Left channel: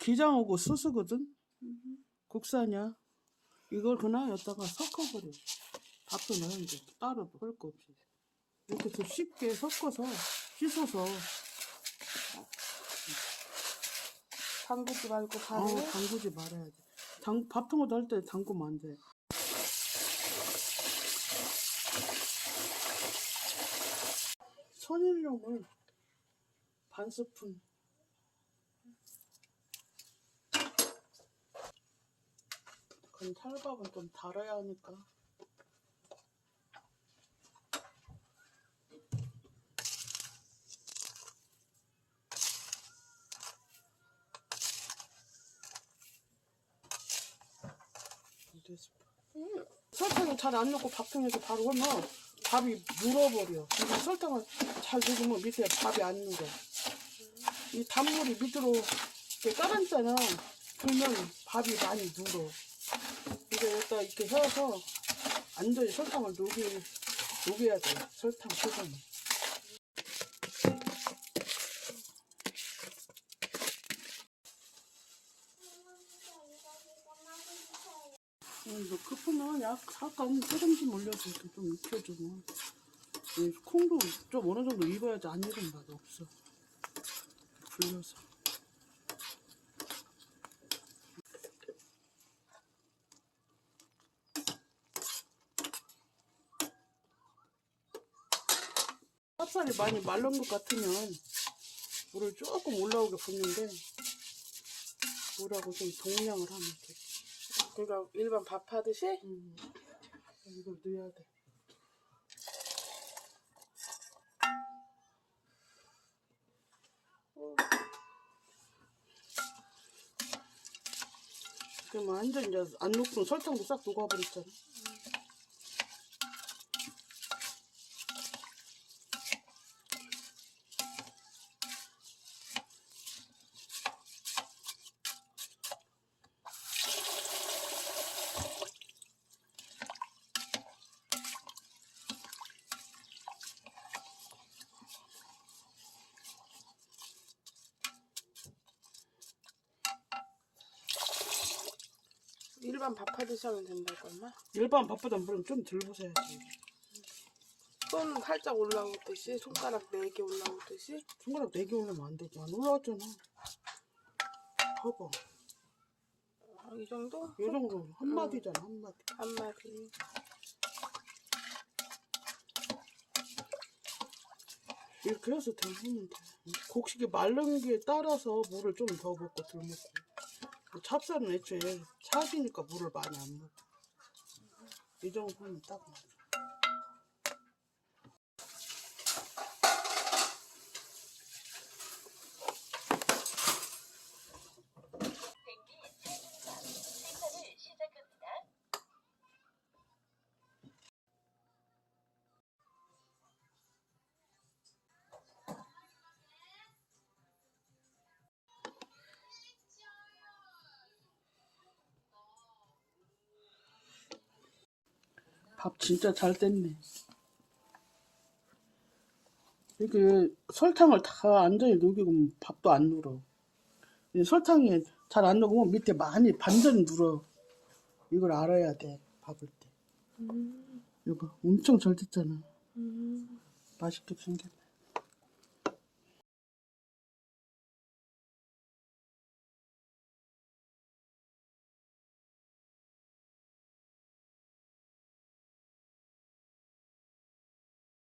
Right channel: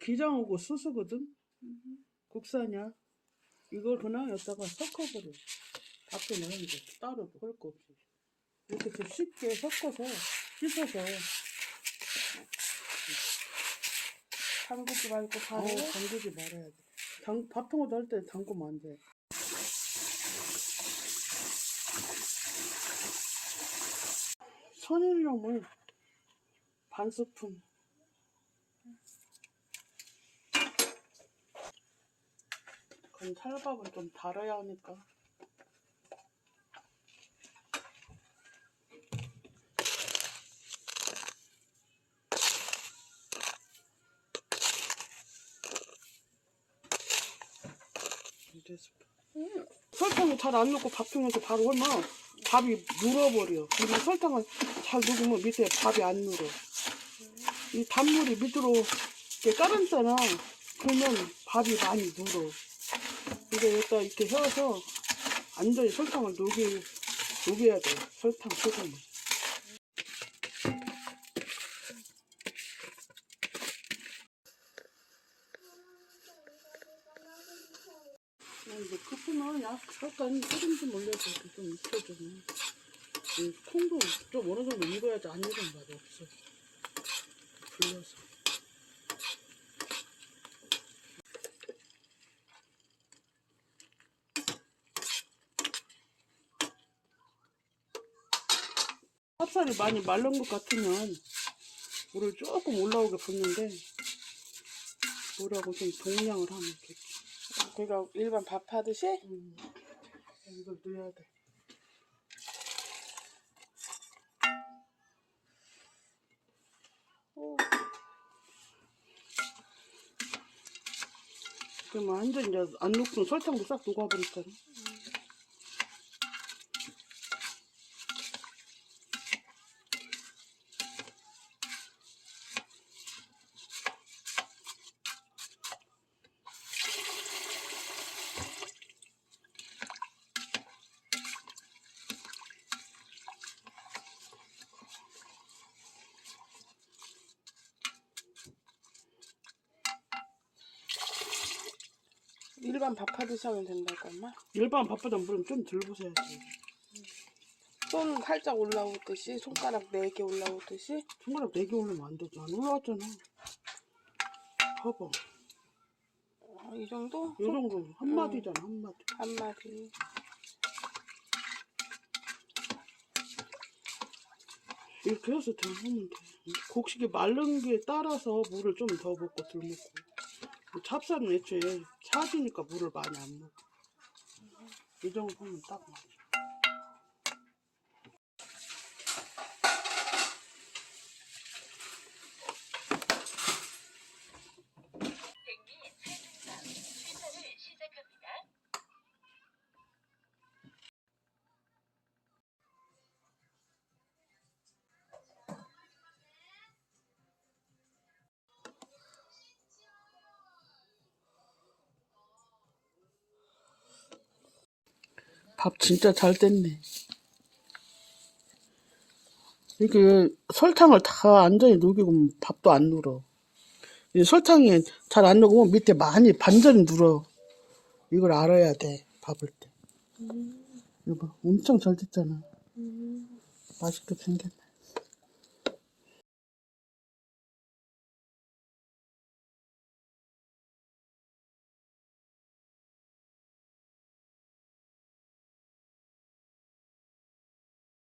기장하고 수수거든. 국산이야. 이걸 그냥 여기다가 섞어버려. 밥도 넣는데 따로 할거 없이. 이렇게 좀 쉽게 섞어서 씻어서 담그지 말고 바로. 아우 담그지 말아야 돼. 당, 밥통을 넣을 때 담그면 안 돼. 천일염을 반 스푼. 그럼 찰밥은 좀 달아야 하니까. 두 스푼. 설탕을 잘 안 넣고 밥통에서 바로 하면 밥이 물어버려. 근데 설탕을 잘 넣으면 밑에 밥이 안 눌어. 이 단물이 밑으로 이렇게 깔았잖아. 그러면 밥이 많이 눌어. 여기다 이렇게 해서 완전히 설탕을 녹이, 녹여야 돼. 설탕, 설탕. 이거 급하면 약 잠깐 소금 좀 이렇게 좀 익혀주면 이 콩도 좀 어느 정도 익어야지 안 익은 맛이 없어 불려서 찹쌀이 많이 말른 것 같으면 물을 조금 올라오게 붓는데 물하고 좀 동량을 하면 좋지 그러니까 일반 밥 하듯이 음, 이걸 넣어야 돼. 오. 그럼 완전 이제 안 녹고 설탕도 싹 녹아버렸잖아. 일반 밥 하듯이 하면 된다고 엄마. 일반 밥보다 물은 좀덜 부숴야지. 손 살짝 올라오듯이 손가락 네개 올라오듯이 손가락 4개 올리면 안 되지. 안 올라왔잖아. 봐봐. 어, 이 정도 이 정도 한 마디잖아, 한 마디. 한 마디. 이렇게 해서 다 하면 돼. 곡식이 마른 게 따라서 물을 좀 더 붓고 덜 붓고. 찹쌀은 애초에 차지니까 물을 많이 안 넣어. 이 정도 하면 딱 맞아. 밥 진짜 잘 됐네. 이게 설탕을 다 완전히 녹이고 밥도 안 눌어. 이 설탕이 잘 안 녹으면 밑에 많이 반전이 눌어. 이걸 알아야 돼, 밥을 때. 이거 봐, 엄청 잘 됐잖아. 맛있게 생겼네.